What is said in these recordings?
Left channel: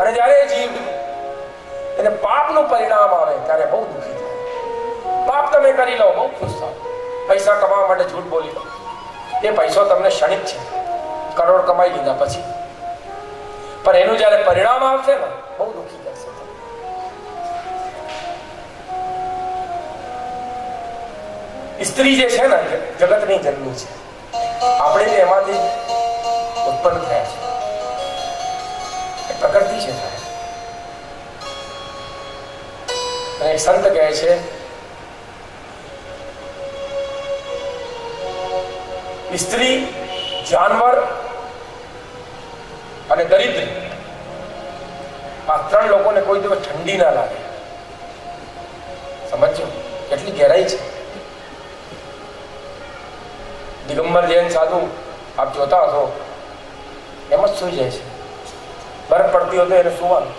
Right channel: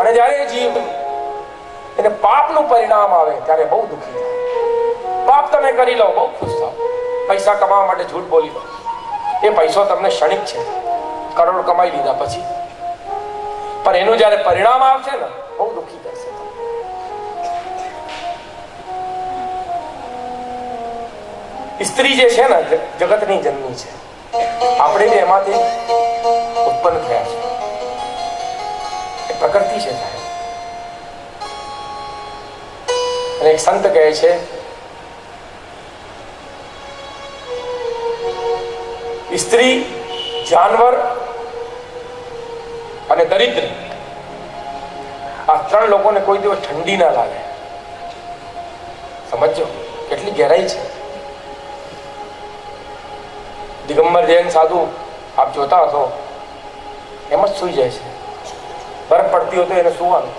અને જ્યારે જીવ એને પાપનું પરિણામ આવે ત્યારે બહુ દુઃખી થાય. પાપ તમે કરી લો, બહુ ખુશ થાવ. પૈસા કમાવા માટે જૂઠ બોલી લો, એ પૈસો તમને ક્ષણિક છે, કરોડ કમાઈ લીધા પછી, પણ એનું જ્યારે પરિણામ આવશે ને બહુ દુઃખી થશે. સ્ત્રી જે છે ને જગતની જન્મી છે, આપણે એમાંથી ઉત્પન્ન થયા છે, એ પ્રકૃતિ છે. અને એક સંત કહે છે સ્ત્રી, જાનવર અને દરિદ્ર, આ ત્રણ લોકોને કોઈ દિવસ ઠંડી ના લાગે. સમજો કેટલી ગહેરાઈ છે. દિગંબર જૈન સાધુ આપ જોતા હશો, એમ જ સૂઈ જાય છે. બરફ પડતી હોય તો એને સુવાનું.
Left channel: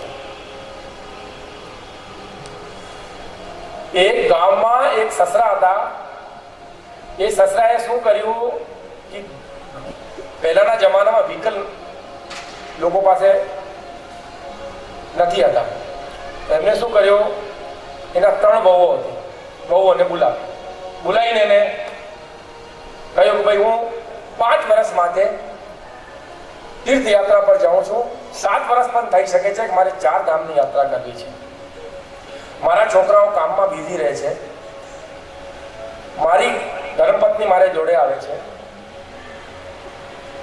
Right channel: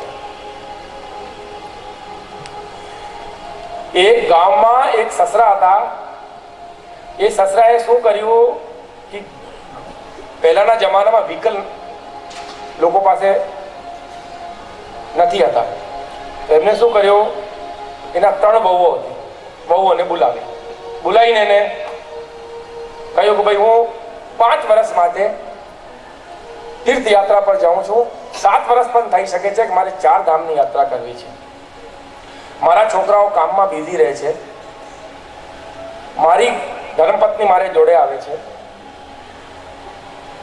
એક ગામમાં એક સસરા હતા. એ સસરાએ શું કર્યું કે પહેલાના જમાનામાં વ્હીકલ લોકો પાસે નથી હતા. એમને શું કર્યું, એના 3 વહુઓ હતી. વહુઓને બોલાવીને એને કહ્યું કે ભાઈ હું 5 વર્ષ માટે તીર્થયાત્રા પર જાઉં છું. 7 વર્ષ પણ થઈ શકે છે કે મારે 4 ધામની યાત્રા કરવી છે. મારા છોકરાઓ કામમાં બિઝી રહે છે, મારી ધર્મપત્ની મારે જોડે આવે છે.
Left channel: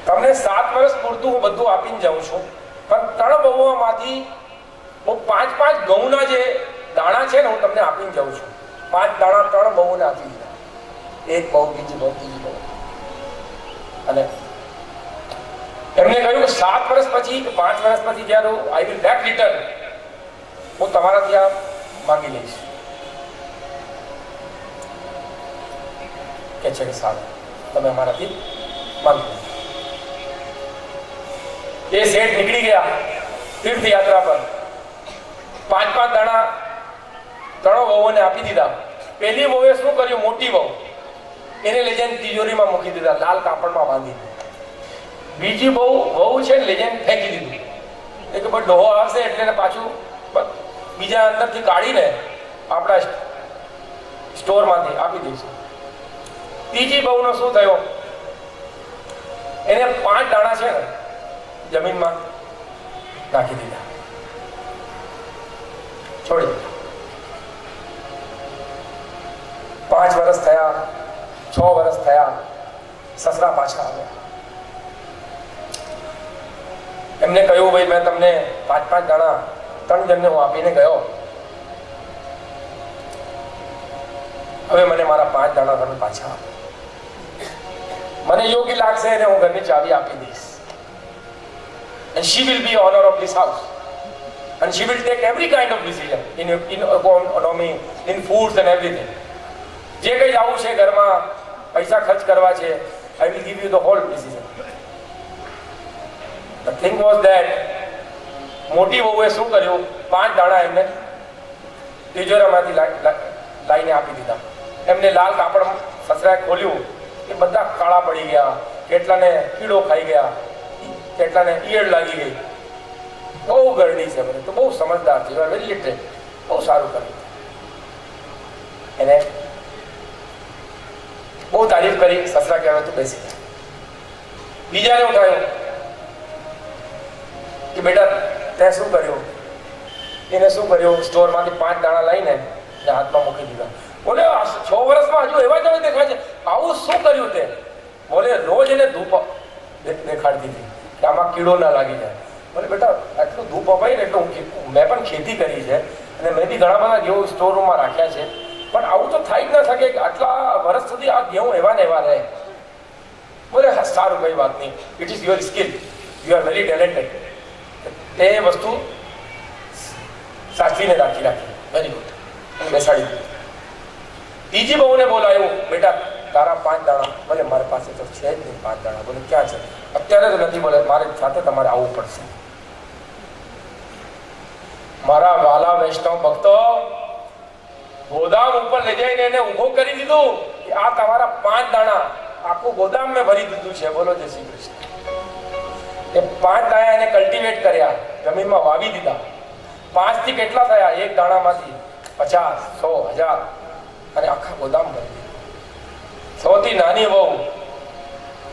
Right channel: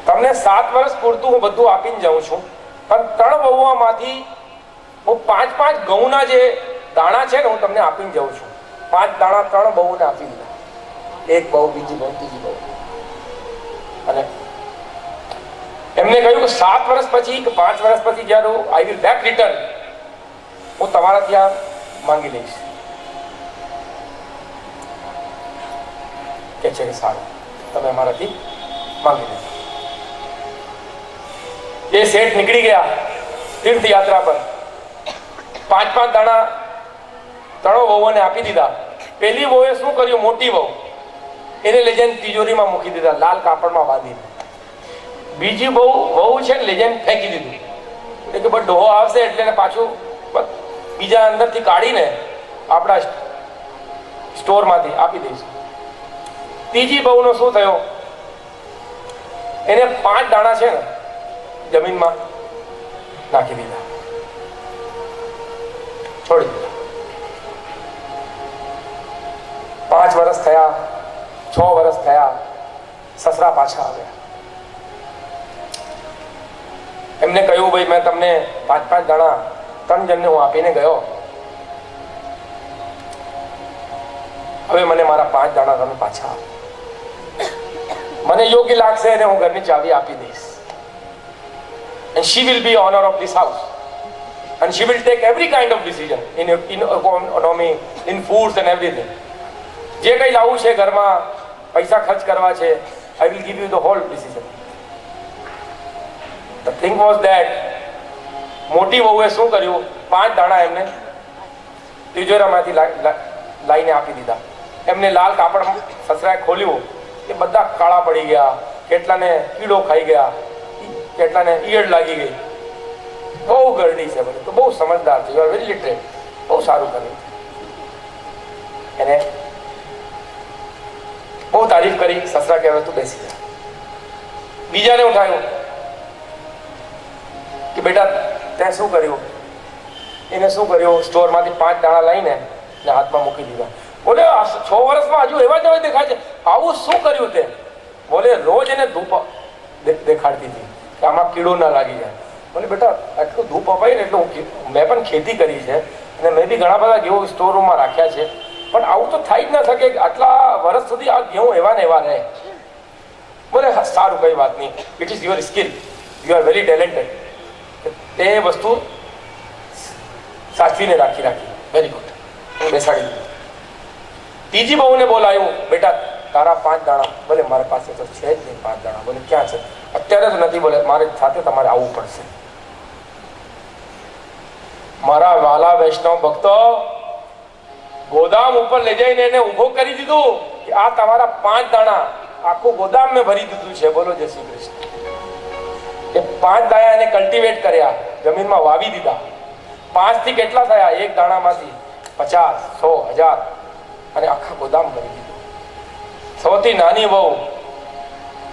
તમને 7 વર્ષ પૂરતું હું બધું આપીને જાઉં છું, પણ 3 વહુઓમાંથી હું 5 ઘઉંના જે દાણા છે ને હું તમને આપીને જાઉં છું. 5 દાણા 3 વહુને આપી દીધા. એક બહુ, બીજી બહુ, ત્રીજી બહુ. અને એમને કહ્યું કે 7 વર્ષ પછી કે 5 વર્ષ પછી જ્યારે આઈ વિલ બેક રિટર્ન, હું તમારા ત્યાં માંગી લઈશ. કે છે સારું, તમે અમારાથી માંગી લો. એ શેઠ નીકળી ગયા તીર્થયાત્રા પર. 5 દાણા 3 વહુઓને આપી દીધા. પહેલી વહુએ શું કર્યું, મોટી વહુ એને લઈ જઈને તિજોરીમાં મૂકી દીધા, લાલ કાપડમાં બાંધી. બીજી વહુ છે ને લઈ જઈને ફેંકી દીધી. એટલે કે ડોહો આવશે એટલે પાછું બીજા અંદરથી કાઢીને આપણા સ્ટોરમાંથી આપી દઈશું. ત્રીજી બહુનો શું થયો, એને 5 દાણા છે ને જમીનમાં નાખી દીધા, છોડી દીધા. 5 વર્ષ થયા, 6 વર્ષ થયા, સસરા પાછા આવ્યા. એમને કહ્યું ભાઈ મેં તમને 5 દાણા 3 જણને હું આપીને ગયો, હવે મને મારા 5 દાણા તમે પાછા આપો. મને યોગ્ય લાગશે અને હું ઘરની ચાવી આપી દઈશ. And she will be owner of this house. And she will take every kind of decision in economy, in foods and everything. જે કંઈ લાવવું છે ઘરમાં, પૈસા ખર્ચ કરવા છે, I will give you the whole decision. The thing was that મોટી વહુએ શું કર્યું, 5 દાણા એમને તિજોરામાંથી લાઈને આપી દીધા. એમને લાલ કાપડ સસરાએ ખોલ્યું, એ બધા કાળા પડી ગયા. કેટલાને કીડો ખાઈ ગયા, કેટલાને ઈયળ લાગી ગઈ. બહુ ગરડી છે, તો બહુ સમજદાર છે, વેરી લિટરેટ, બહુ સારું કર્યું. એને બહુ તારીફ કરી. સસરા કહેવાય તું બેસી જા. બીજાને ઉઠાયું કે બેટા તે શું કર્યું. એને શું કર્યું, સ્ટોરમાંથી 5 દાણા લઈને હાથમાં મૂકી દીધા. બોલે 6 વર્ષમાં હજુ એવા જ દેખાય છે, આવું શું કર્યું તે? બોલે રોજ એને ધૂપ દેખાડતી હતી કે આમાં કીડો ના લાગી જાય. બોલે બેટા એટલું ધૂપ અપાય ને એટલે મેં પણ ખેતી કરી છે અને મેં બી ઘણા બધા ઘઉં સ્ટોર રૂમમાં રાખ્યા છે, પણ આવું તો થઈ જ ન શકે કે આટલા વર્ષ સુધી આ ઘઉં એવા ને એવા રહે. બોલે સારું, કઈ વાત નહીં, it is your skill, you are very talented. એ વસ્તુ સાચવીને રાખી, વેરી ગુડ, હું બેસાડી દીધું. ત્રીજી બહુને બોલાયું, બેટા તારા 5 દાણા, બોલે મારી પાસે તો છે જ નહીં 5 દાણા. બોલે ક્યાં છે? અત્યારે તો નથી. બોલે મારી સાથે તમારે આવવું પડશે. મારા વાલા વૈષ્ણવ ભક્તો, ગોદામ ઉપર લઈ જઈને એને ઊભો કરી દીધું કે આ તમારા 5 દાણા, આખું ગોદામ મેં ભરી દીધું છે. બોલો જય શ્રી કૃષ્ણ. એ 5 દાણા એને કલ્ટિવેટ કર્યા, જમીનમાં વાવી દીધા. 5 થી કેટલા થયા? એક દાણામાંથી 50, 100, 1000 અને આખા ગોદામ બની ગયા. સૌથી નાની વહુ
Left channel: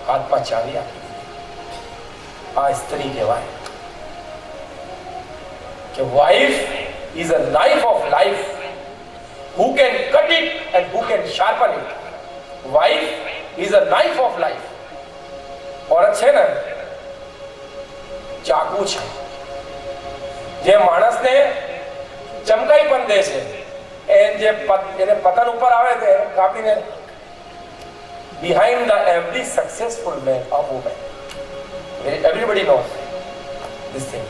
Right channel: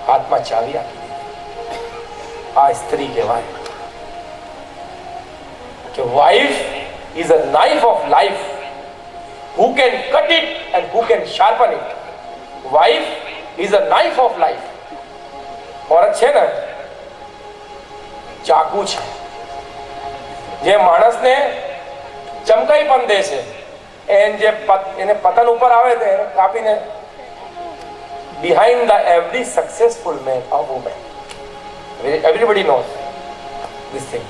હાથમાં ચાવી આપી દીધી. આ સ્ત્રી કહેવાય કે wife is a knife of life, who can cut it and who can sharpen it. Wife is a knife of life. औरत છે ને ચાકુ છે, જે માણસને ચમકાઈ પણ દે છે. એને પતન ઉપર આવે તે કાપીને. behind the every successful man or woman, everybody knows this thing,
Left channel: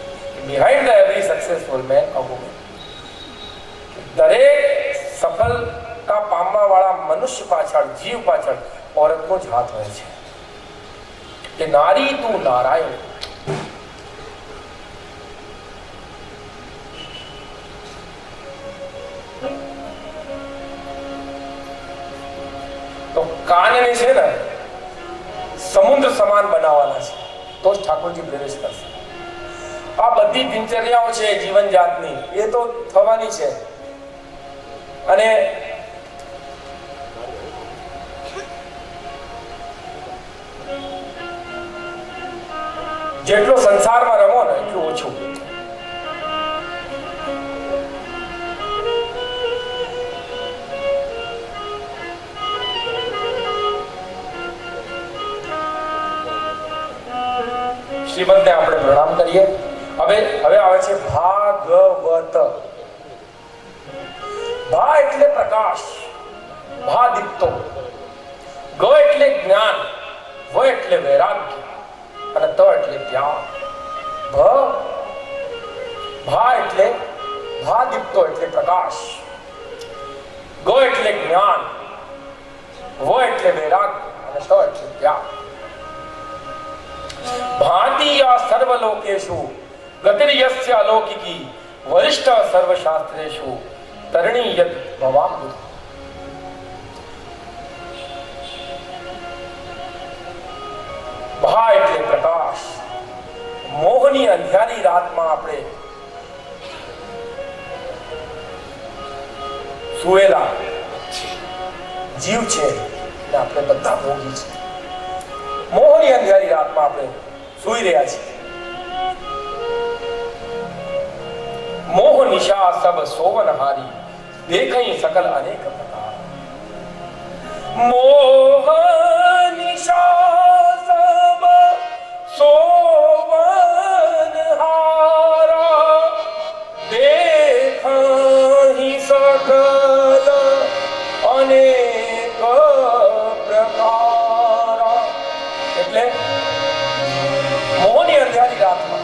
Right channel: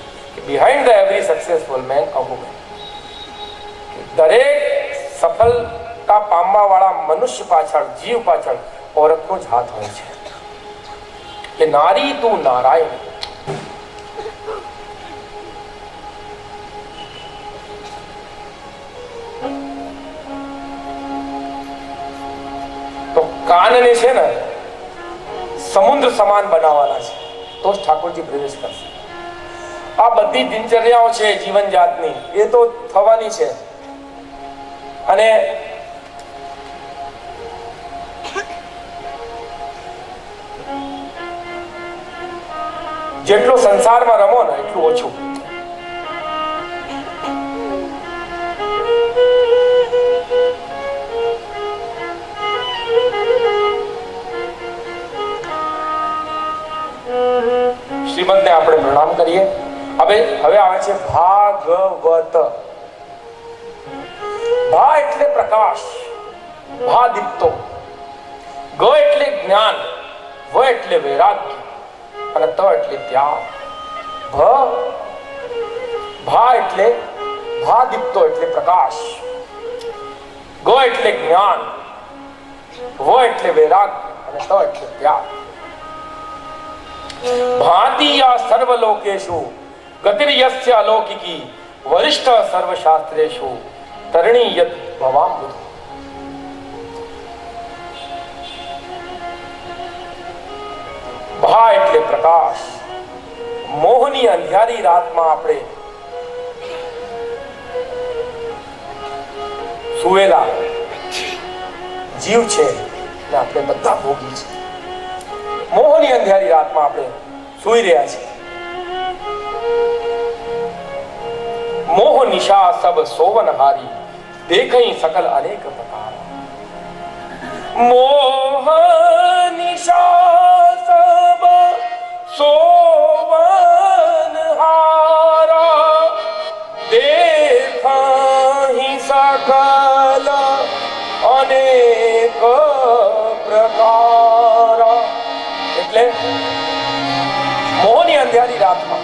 behind the every successful man or woman, દરેક સફળતા પામવા વાળા મનુષ્ય પાછળ, જીવ પાછળ औरतનો જ હાથ હોય છે. કે નારી તું નારાયણ. તો કાનને છે ને સમુદ્ર સમાન બનાવવાના છે, તો જ ઠાકોરજી પ્રવેશ કરશે. આ બધી દિનચર્યાઓ છે જીવન જાતની, એ તો થવાની છે. અને જેટલો સંસારમાં રમો ને એટલું ઓછું. શ્રીમદને આપણે પ્રણામ કરીએ. હવે આવે છે ભાગવત. ભા એટલે પ્રકાશ, ભા દીપ્તો. ગ એટલે જ્ઞાન, વ એટલે વૈરાગ્ય અને ત એટલે ત્યાગ. ભા એટલે ભા દીપ્તો એટલે પ્રકાશ, ગ એટલે જ્ઞાન, વ એટલે વૈરાગ્ય અને ત એટલે ત્યાગ. ભાતિ યા સર્વલોકેષુ ગતિર્યસ્ય અલૌકિકી વરિષ્ઠ સર્વશાસ્ત્રેષુ તરણી યત ભવામૃત. ભા એટલે પ્રકાશ. મોહની અંધારી રાતમાં આપણે સુવેલા જીવ છે ને આપણે બધા ભોગી છે. મોહની અંધારી રાતમાં આપણે સૂઈ રહ્યા છીએ. મોહ નિશા સબ સોવન હારી દેખઈ સકલ અનેક પ્રકાર. મોહ નિશા સબ સોવન હારા દેખઈ સકલ અનેક પ્રકાર. એટલે મોહની અંધારી રાતમાં,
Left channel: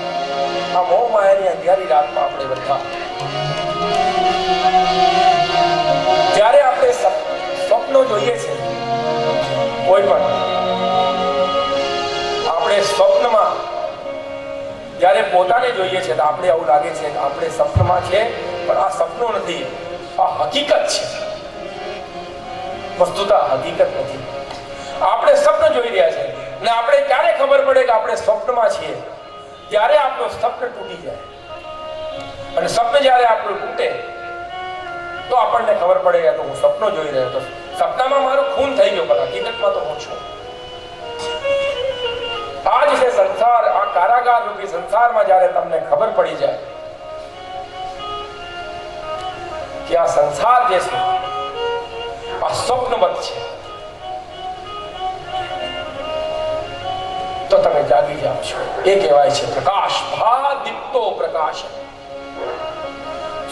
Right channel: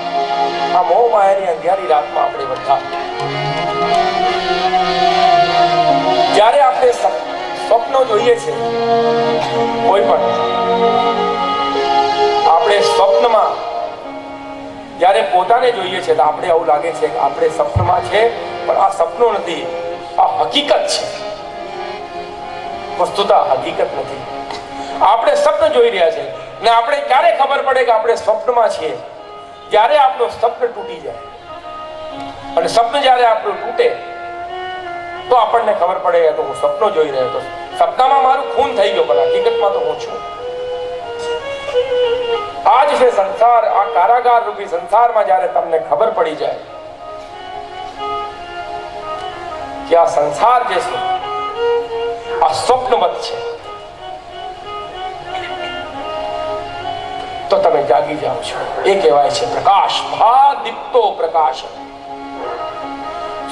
આ મોહ માયાની અંધારી રાતમાં આપણે બધા જ્યારે આપણે સ્વપ્નો જોઈએ છે, કોઈ પણ આપણે સ્વપ્નમાં જ્યારે પોતાને જોઈએ છે તો આપણે આવું લાગે છે કે આપણે સ્વપ્નમાં છે, પણ આ સપનું નથી, આ હકીકત છે. વસ્તુતઃ હકીકત નથી. આપણે સ્વપ્ન જોઈ રહ્યા છે ને આપણે ક્યારે ખબર પડે કે આપણે સ્વપ્નમાં છીએ? ત્યારે આપણું સ્વપ્ન તૂટી જાય. અને સ્વપ્ન જ્યારે આપણું તૂટે તો આપણને ખબર પડે કે હું સપનો જોઈ રહ્યો હતો, સપનામાં મારું ખૂન થઈ ગયો, પણ હકીકતમાં તો હું છું. આ જ છે સંસાર. આ કારાગાર રૂપી સંસારમાં જ્યારે તમને ખબર પડી જાય કે આ સંસાર જે છે આ સ્વપ્નવત છે, તો તમે જાગી જાઓ છો. એ કહેવાય છે પ્રકાશ. ભા દીપ્તો પ્રકાશ.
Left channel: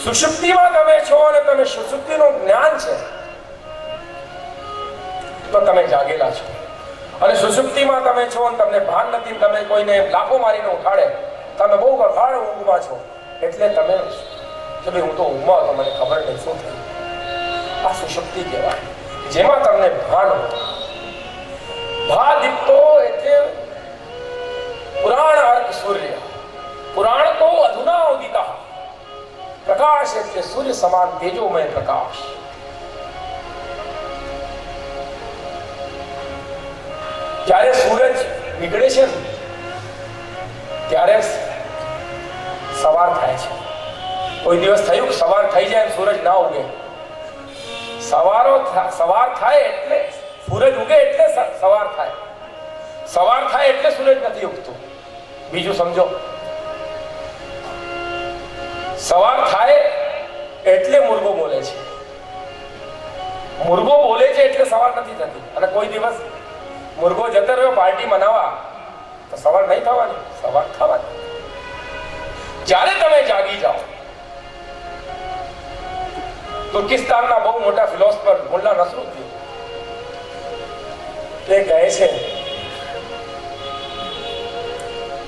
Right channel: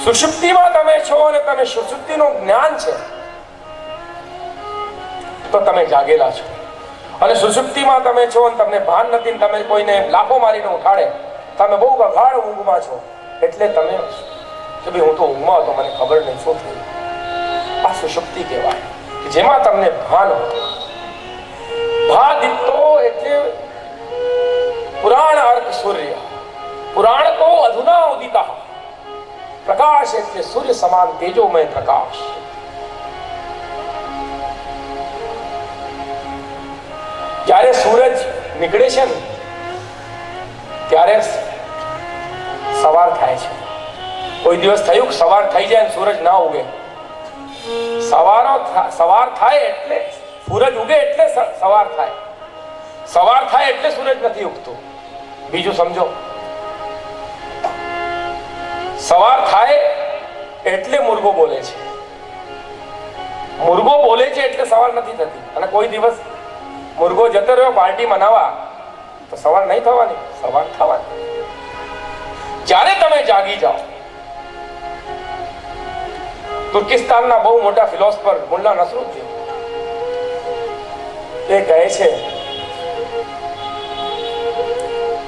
સુષુપ્તિમાં તમે છો અને તમે સુષુપ્તિનું જ્ઞાન છે તો તમે જાગેલા છો. અને સુષુપ્તિમાં તમે છો અને તમને ભાન નથી, તમે કોઈને લાફો મારીને ઉઠાડે, તમે બહુ ગફાળ ઊંઘમાં છો, એટલે તમે કે ભાઈ હું તો ઊંઘમાં હતો, મને ખબર નહીં શું થયું. આ સુષુપ્તિ કહેવાય, જેમાં તમને ભાન હોય. ભા દીપ્તો એટલે પુરાણ અર્થ સૂર્ય. પુરાણ તો અધુના ઉદિતા. પ્રકાશ એટલે સૂર્ય સમાન તેજોમય પ્રકાશ. જ્યારે સૂરજ નીકળે છે ને ત્યારે સવાર થાય છે. કોઈ દિવસ થયું સવાર થઈ જાય સૂરજ ના ઉગે? સવાર થાય એટલે સૂરજ ઉગે એટલે સવાર થાય. સવાર થાય એટલે સૂરજ નથી ઉગતું. બીજું સમજો. સવાર થાય એટલે મુર્ગો બોલે છે. મુર્ગો બોલે છે એટલે સવાર નથી થતી. અને કોઈ દિવસ મુર્ગો જતો રહ્યો પાર્ટી મનાવવા તો સવાર નહીં થવાની, સવાર થવાની. જ્યારે તમે જાગી જાઓ. તુર્કિસ્તાનના બહુ મોટા ફિલોસોફર મુલ્લા નસરુદ્દીન એ કહે છે,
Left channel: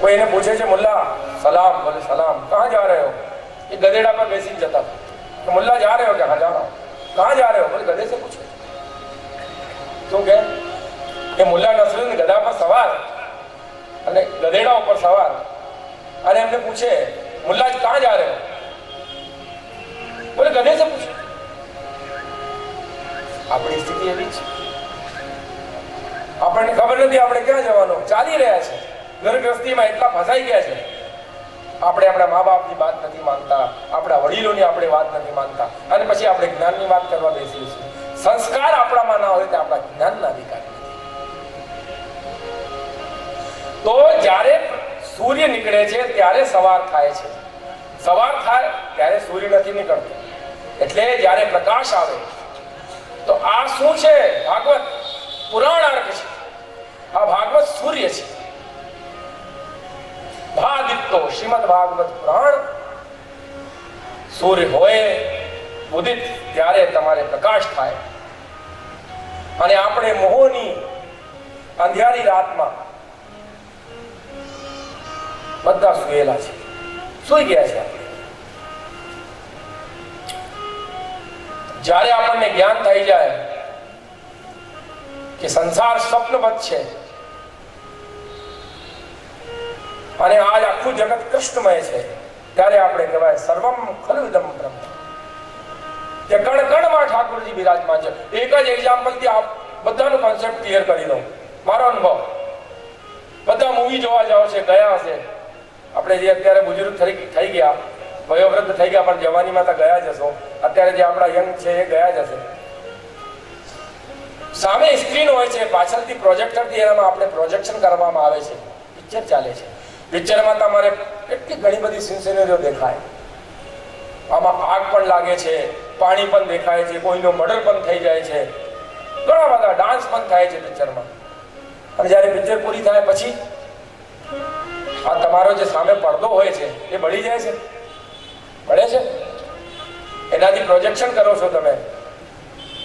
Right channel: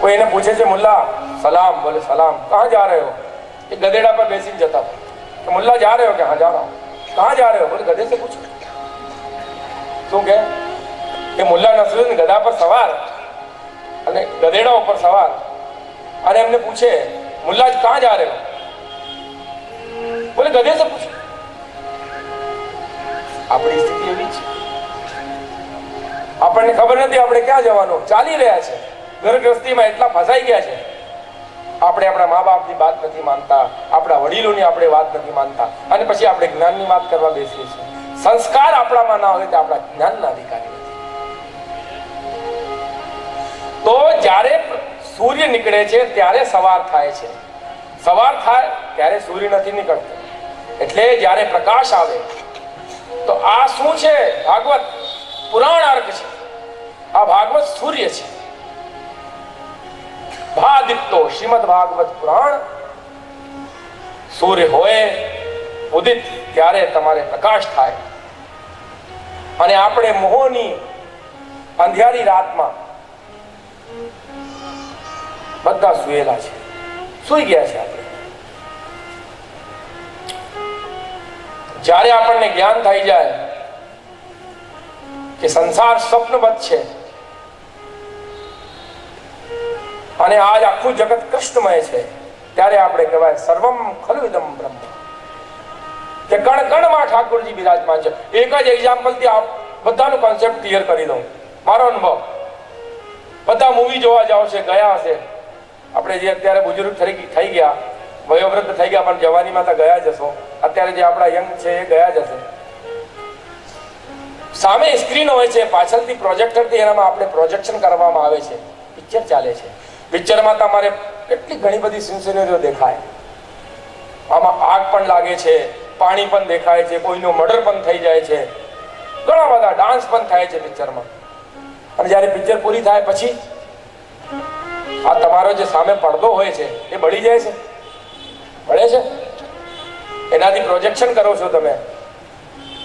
કોઈ એને પૂછે છે મુલ્લા સલામ, બોલે સલામ, કહાં જા રહે હો? એ ગધેડા પર બેસીને જતા કે મુલ્લા જા રહે હો? કે હા જા રહા હું. કહાં જા રહે હો? બોલે ગધે સે પૂછો. શું કે મુલ્લા નસરુદ્દીન ગધા પર સવાર અને ગધેડા ઉપર સવાર, અને એમને પૂછે મુલ્લા કહાં જા રહે હો? બોલે ગધે સે પૂછો. આપણી સ્થિતિ એવી છે. આપણને ખબર નથી આપણે ક્યાં જવાનું. ચાલી રહ્યા છે ઘરગ્રસ્તીમાં, એટલા ફસાઈ ગયા છે. આપણે આપણા મા બાપની વાત નથી માનતા, આપણા વડીલોની આપણે વાત નથી માનતા, અને પછી આપણે જ્ઞાનની વાત કરવા બેસીએ છીએ. સંસ્કાર આપણામાં ના હોય તો આપણા જ્ઞાનના અધિકારી નથી. તો જ્યારે સૂર્ય નીકળે છે ત્યારે સવાર થાય છે. સવાર થાય ત્યારે સૂર્ય નથી નીકળતો. એટલે જ્યારે પ્રકાશ આવે તો આ શું છે? ભાગવત પુરાણ અર્ક છે. આ ભાગવત સૂર્ય છે. ભાદિત્યો શ્રીમદ ભાગવત પુરાણ. સૂર્ય હોય ઉદિત ત્યારે તમારે પ્રકાશ થાય. અને આપણે મોહની અંધિયારી રાતમાં બધા સુયેલા છે, સુઈ ગયા છે. જ્યારે આપણને જ્ઞાન થઈ જાય કે સંસાર સ્વપ્નવત છે અને આજ આખું જગત કૃષ્ણમય છે, ત્યારે આપણે કહેવાય સર્વમ ખલુદમ બ્રહ્મ, કે કણ કણમાં ઠાકોરજી બિરાજમાન છે. એક જ એક્ઝામ્પલથી આપ બધાનું કોન્સેપ્ટ ક્લિયર કરી દઉં. મારો અનુભવ, બધા મૂવી જોવા જાવ છે, ગયા હશે. આપણે જે અત્યારે બુઝુર્ગ થઈ ગયા, વયોવૃદ્ધ થઈ ગયા, પણ જવાનીમાં તો ગયા જશો. અત્યારે જે આપણા યંગ છે એ ગયા જશે. સામે સ્ક્રીન હોય છે, પાછળથી પ્રોજેક્ટરથી એનામાં આપણે પ્રોજેક્શન કરવામાં આવે છે. પિક્ચર ચાલે છે. પિક્ચરમાં તમારે એટલી ઘણી બધી સિનેરીઓ દેખાય. આમાં આગ પણ લાગે છે, પાણી પણ દેખાય છે, કોઈનું મર્ડર પણ થઈ જાય છે, ઘણા બધા ડાન્સ પણ થાય છે પિક્ચરમાં. અને જ્યારે પિક્ચર પૂરી થાય પછી આ તમારો જે સામે પડદો હોય છે એ બળી જાય છે, બળે છે. એનાથી પ્રોજેક્શન કરો છો તમે,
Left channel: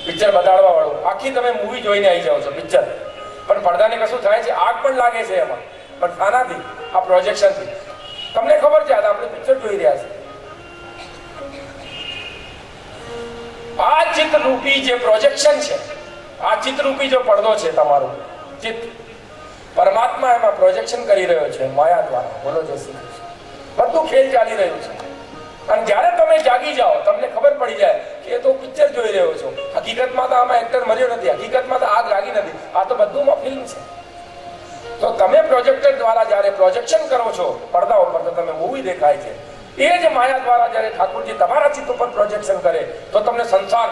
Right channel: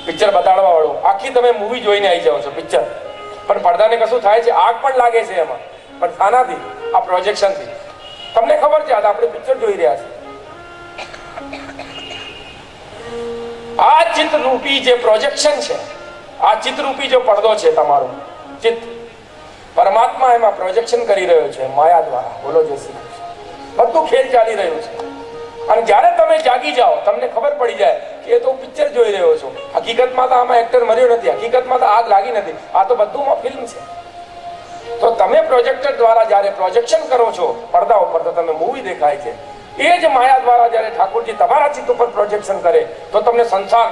પિક્ચર બતાડવા વાળું. આખી તમે મૂવી જોઈને આવી જાઓ છો પિક્ચર, પણ પડદાને કશું થાય છે, આગ પણ લાગે છે એમાં, પણ આનાથી, આ પ્રોજેક્શનથી. તમને ખબર છે આપણે પિક્ચર જોઈ રહ્યા છે. આ ચિત્તરૂપી જે પ્રોજેક્શન છે, આ ચિત્તરૂપી જો પડદો છે, તમારું ચિત્ત, પરમાત્મા એમાં પ્રોજેક્શન કરી રહ્યો છે માયા દ્વારા. બોલો જય શ્રી કૃષ્ણ. બધું ખેલ ચાલી રહ્યું છે. અને જ્યારે તમે જાગી જાઓ તમને ખબર પડી જાય કે એ તો પિક્ચર જોઈ રહ્યો છું, હકીકતમાં તો આમાં એક્ટર મર્યો નથી, હકીકતમાં તો આગ લાગી નથી, આ તો બધુંમાં ફિલ્મ છે. તો તમે પ્રોજેક્ટર દ્વારા જ્યારે પ્રોજેક્શન કરો છો પડદા ઉપર, તો તમે મૂવી દેખાય છે. એ જ માયા દ્વારા જ્યારે ઠાકોરજી તમારા ચિત્ત ઉપર પ્રોજેક્શન કરે તો તમને સંસાર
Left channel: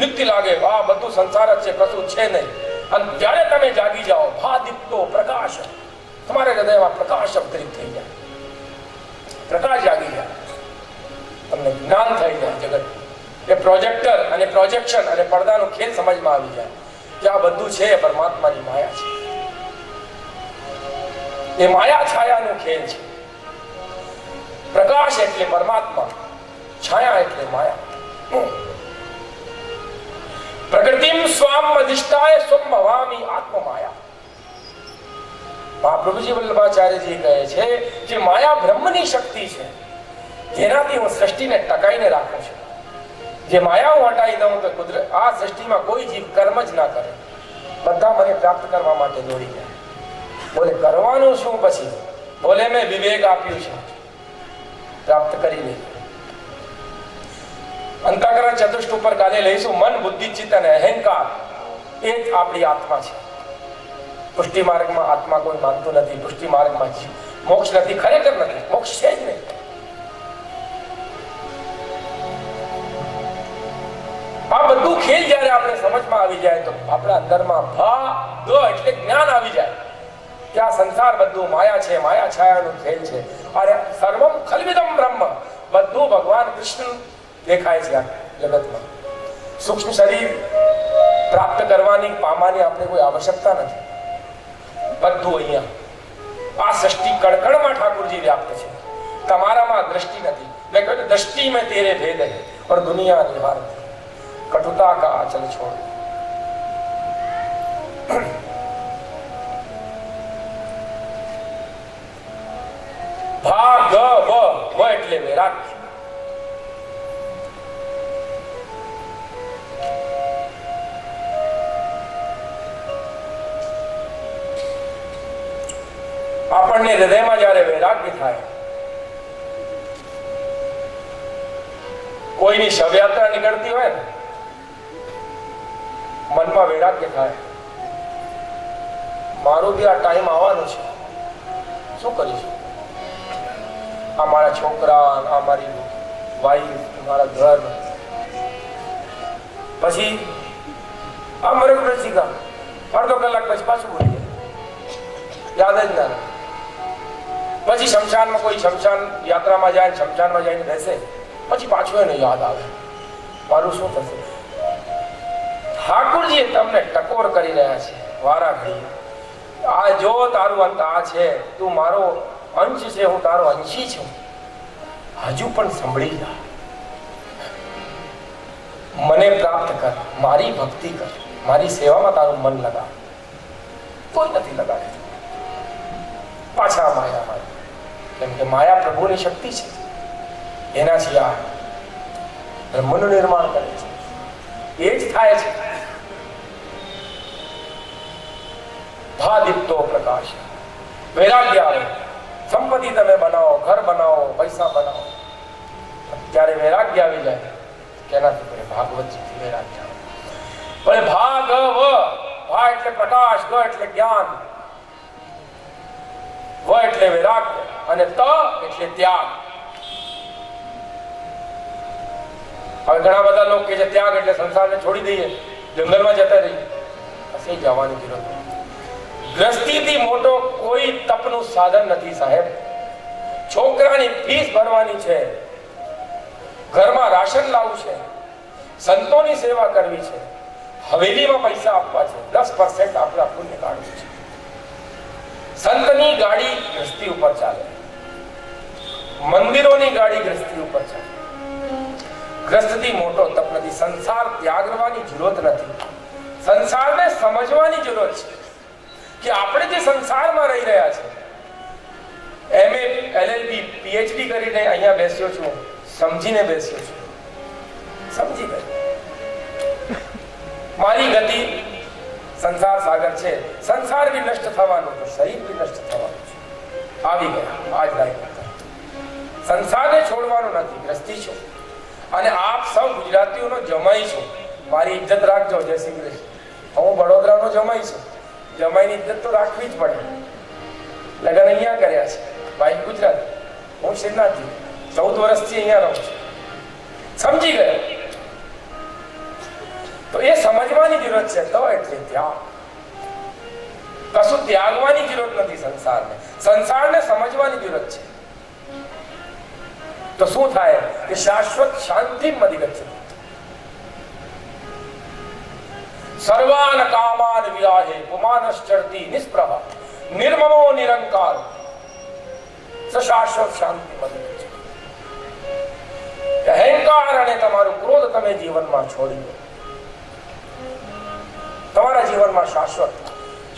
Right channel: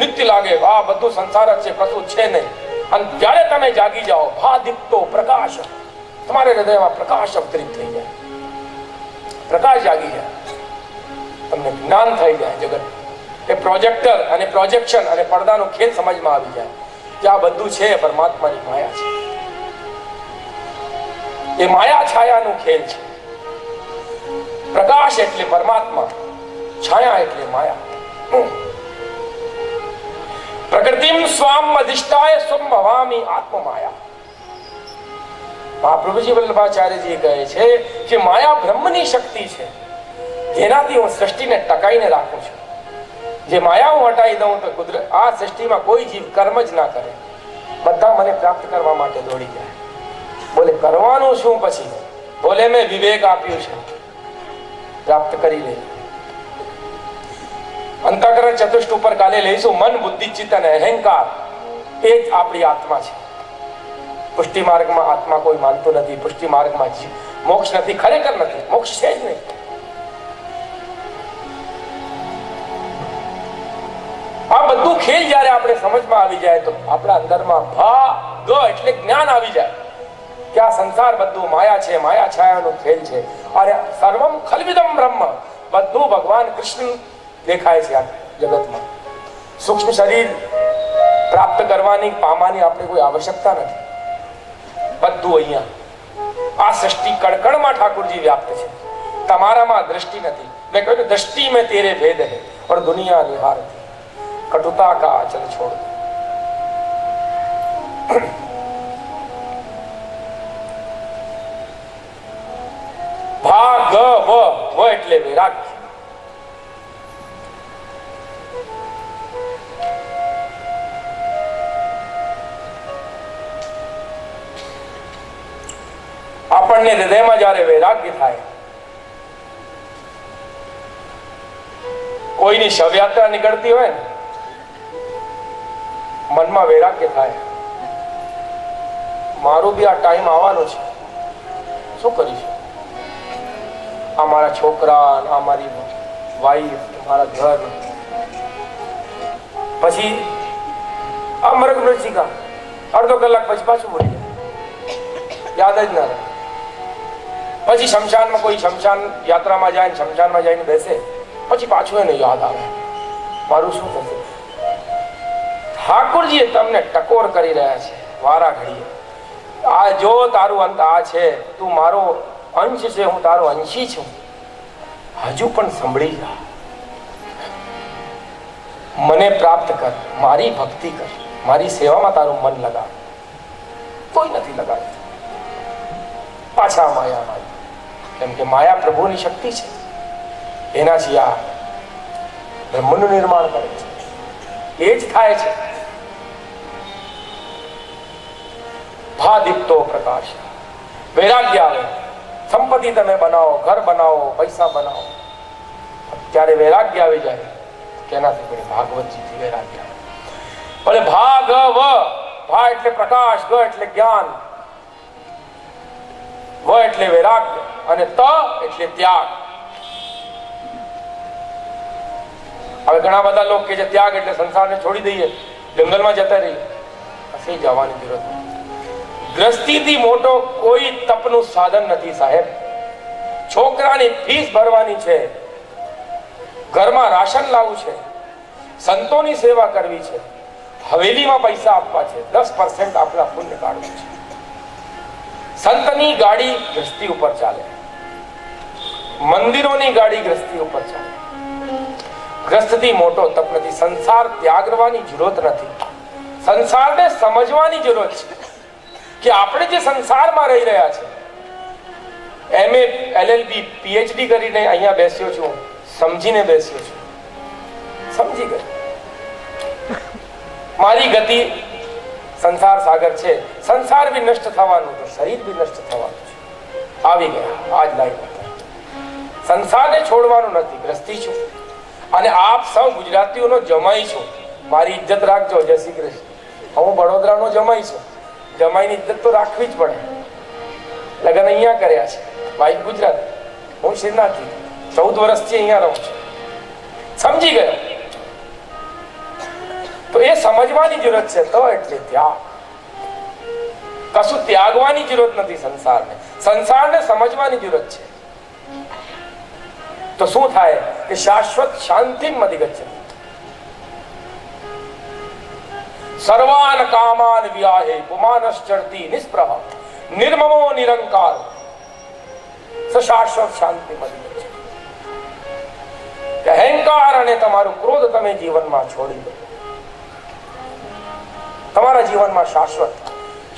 નિત્ય લાગે. આ બધું સંસાર જ છે, કશું છે નહીં. અને જ્યારે તમે જાગી જાઓ, ભાદિત્તો પ્રકાશ, તમારે હૃદયમાં પ્રકાશ અવતરિત થઈ જાય, પ્રકાશ જાગી જાય, તમને જ્ઞાન થઈ જાય જગત. એ પ્રોજેક્ટર અને પ્રોજેક્શન અને પડદાનો ખેલ સમજમાં આવી જાય કે આ બધું છે પરમાત્માની માયા છે. એ માયા છાયાનું ખેલ છે. પ્રકાશ એટલે પરમાત્મા, છાયા એટલે માયા. પ્રકૃતિમ સ્વામ અધિષ્ઠાય સ્વમ ભવામી આત્મમાયા. મહાપ્રભુજી વલ્લભાચાર્યજી કહે છે કે માયા બ્રહ્મની શક્તિ છે, જેનાથી હું સૃષ્ટિને ટકાઈને રાખું છું. જે માયા હું હટાવી દઉં તો કુદરત, આ સૃષ્ટિમાં કોઈ જીવ કર્મ જ ના કરે, બધા મને પ્રાપ્ત કરવા માટે દોડી જાય. બોલે કરવાનું શું પછી? બોલે મેં વિવેક આપ્યું છે, પ્રાપ્ત કરી લે. અંતઃકરણ ચતુષ્ટ ઉપર કાલે લઈશું. મન, બુદ્ધિ, ચિત્ત અને અહંકાર એ જ આપણી આત્મા છે. પુષ્ટિ માર્ગમાં આત્મા કોઈ માનતું નથી. પુષ્ટિ માર્ગમાં મોક્ષ નથી, ખરેખર નથી, મોક્ષ છે જ નહીં. આવું ખેલ જ્યારે આપણે સમજમાં આવી જાય તો આપણા અંદરમાં ભાગ એટલે જ્ઞાન આવી જાય કે આ સંસાર બધું માયા છે, માયા છાયાનો ખેલ છે. અરે સર્વમ ખલ્વિદમ બ્રહ્મ, બધું ભગવાન કૃષ્ણ દેખાય છે આ જગતમાં. સૂક્ષ્મ શરીર પ્રાપ્ત કરવાની, પામવાની આપણે કોઈ આવશ્યકતા નથી. બધું અહીંયા આ સૃષ્ટિ કણકણમાં ઠાકોરજી વ્યાપ્ત છે. તમારામાં દ્રષ્ટિ નથી. મેં કહ્યું દ્રષ્ટિ મેં તેરે ભેદ હૈ પર દુનિયા નિહાર કટુતા કા આચલ છોડ. ભાગ વ એટલે વૈરાગ્ય. આપણને હૃદયમાં જ્યારે વૈરાગ્ય થાય, કોઈની શવયાત્રા નીકળતી હોય ને, મનમાં વૈરાગ્ય થાય, મારો બી આ ટાઈમ આવવાનો છે, શું કરીશું? આ મારા છોકરા, આ મારી વાઈફ, મારા ઘર, પછી આ મારા મૃતિકા અડધો કલાક પછી પાછું બોલી યાદ જ ના રહે. પછી શમશાનમાં કોઈ શમશાન યાત્રામાં જાય, શમશાનમાં જઈને બેસે, પછી પાછું એને યાદ આવે, મારું શું થશે? ઠાકોરજી તમને ટકોર કરી રહ્યા છે વારા ઘડીએ. આ જો તારું અંત આ છે, તું મારો અંશ છે, હું તારો અંશી છું, હજુ પણ સંભળી જા, મને પ્રાપ્ત કર, મારી ભક્તિ કર, મારી સેવામાં તારું મન લગાવ. કોઈ નથી લગાડતું. પાછા માયામાં, કેમ કે માયા પ્રભુની શક્તિ છે, એનાથી આ બ્રહ્મનું નિર્માણ કરે છે. એ જ થાય છે. ભાદિત્તો પ્રકાશ, વૈરાગ્ય આવે. સંપત્તિ તમે બનાવો, ઘર બનાવો, પૈસા બનાવો, ત્યારે વૈરાગ્ય આવી જાય. તેનાથી મને ભાગવતજીથી વૈરાગ્ય આવે. ભલે ભાગ ભા એટલે પ્રકાશ, ગ એટલે જ્ઞાન, વ એટલે વૈરાગ્ય અને ત એટલે ત્યાગ. હવે ઘણા બધા લોકો કે છે ત્યાગ એટલે સંસારને છોડી દઈએ, જંગલમાં જતા રહીએ. હસી જવાની જરૂર નથી. ગ્રસ્તીથી મોટો કોઈ તપનું સાધન નથી સાહેબ. છોકરાની ફીસ ભરવાની છે, ઘરમાં રાશન લાવવું છે, સંતોની સેવા કરવી છે, હવેલીમાં પૈસા આપવા છે, 10% આપણા પુણ્ય કાઢવું છે. સંતની ગાડી ગ્રસ્તી ઉપર ચાલે, મંદિરોની ગાડી ગ્રસ્તી ઉપર ચાલે. ગ્રસ્તથી મોટો તપ નથી. સંસાર ત્યાગવાની જરૂરત નથી, સંસારને સમજવાની જરૂરત છે કે આપણે જે સંસારમાં રહી રહ્યા છે. MA LLB PhD કરીને અહીંયા બેસ્યો છું, સમજીને બેસ્યો છું, સમજી ગયો. મારી ગતિ સંસાર સાગર છે. સંસાર બી નષ્ટ થવાનું છે, શરીર બી નષ્ટ થવાનું છે. આવી ગયા આજ લાઈફ. સંસારને છોડવાનું નથી. ગ્રસ્તી છું અને આપ સૌ ગુજરાતીઓનો જમાઈ છું. મારી ઇજ્જત રાખજો. જય શ્રી કૃષ્ણ. હું વડોદરાનો જમાઈ છું. જમાઈની ઇજ્જત તો રાખવી જ પડે. લગ્ન અહીંયા કર્યા છે, વાઈફ ગુજરાત, હું શ્રીનાથજી, 14 વર્ષથી અહીંયા રહું છું. સમજી ગયો. તો એ સમજવાની જરૂરત છે. તો એટલે ત્યાગ, કશું ત્યાગવાની જરૂરત નથી. સંસારને સમજવાની જરૂરત છે. તો શું થાય કે શાશ્વત શાંતિ મદિગચ્છતિ. સર્વાન કામાન વિયાહે પુમાનશ્ચરતિ નિસ્પૃહ નિર્મમો નિરંકાર શાશ્વત શાંતિ મદિગચ્છતિ. અહંકાર અને તમારો ક્રોધ તમે જીવનમાં છોડી દો. તમારા જીવનમાં શાશ્વત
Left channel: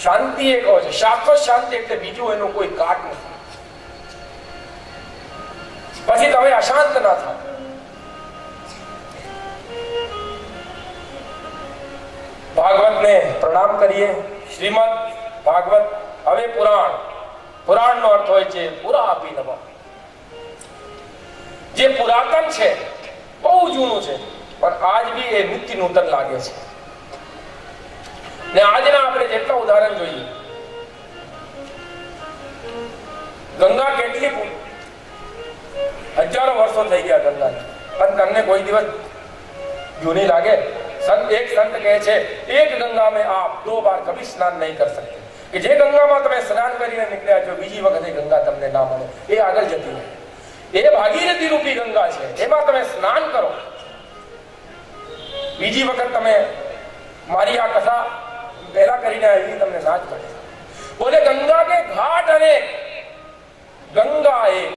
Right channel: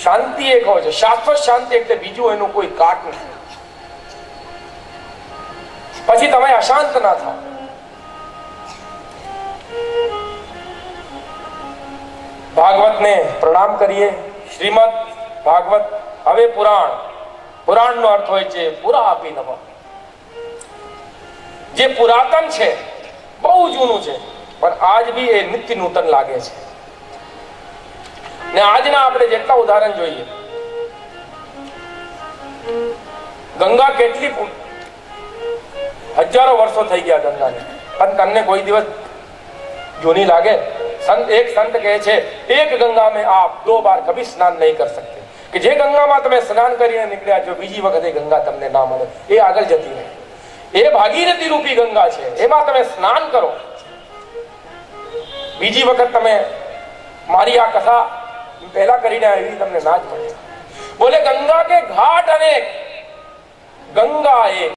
શાંતિ એક હોય છે. શાશ્વત શાંતિ એટલે બીજું એનું કોઈ કાટ નથી. પછી તમે અશાંત ના થાઓ. ભાગવતને પ્રણામ કરીએ. શ્રીમદ ભાગવત, હવે પુરાણ નો અર્થ હોય છે પુરા આપી નમઃ. જે પુરાતન છે, બહુ જૂનું છે, પણ આજ બી એ નિત્ય નૂતન લાગે છે. ને આજના આપણે જેટલા ઉદાહરણ જોઈએ, ગંગા કેટલી હજારો વર્ષો થઈ ગયા ગંગાને, પણ તમને કોઈ દિવસ જૂની લાગે? एक संत कहे छे, एक गंगा में आप 2 बार कभी स्नान नहीं कर सकते, कि जे गंगाમાં તમે સ્નાન કરીને નીકળ્યા છો બીજી વખતે ગંગા તમને ના મળે, એ આગળ જતી રહે. એ ભાગીરથી રૂપી ગંગા છે, એમાં તમે સ્નાન કરો, બીજી વખત તમે મારી આ કથા પહેલા કરીને આવી તમને ના જ મળે. બોલે ગંગા કે ઘાટ અનેક, ગંગા એક.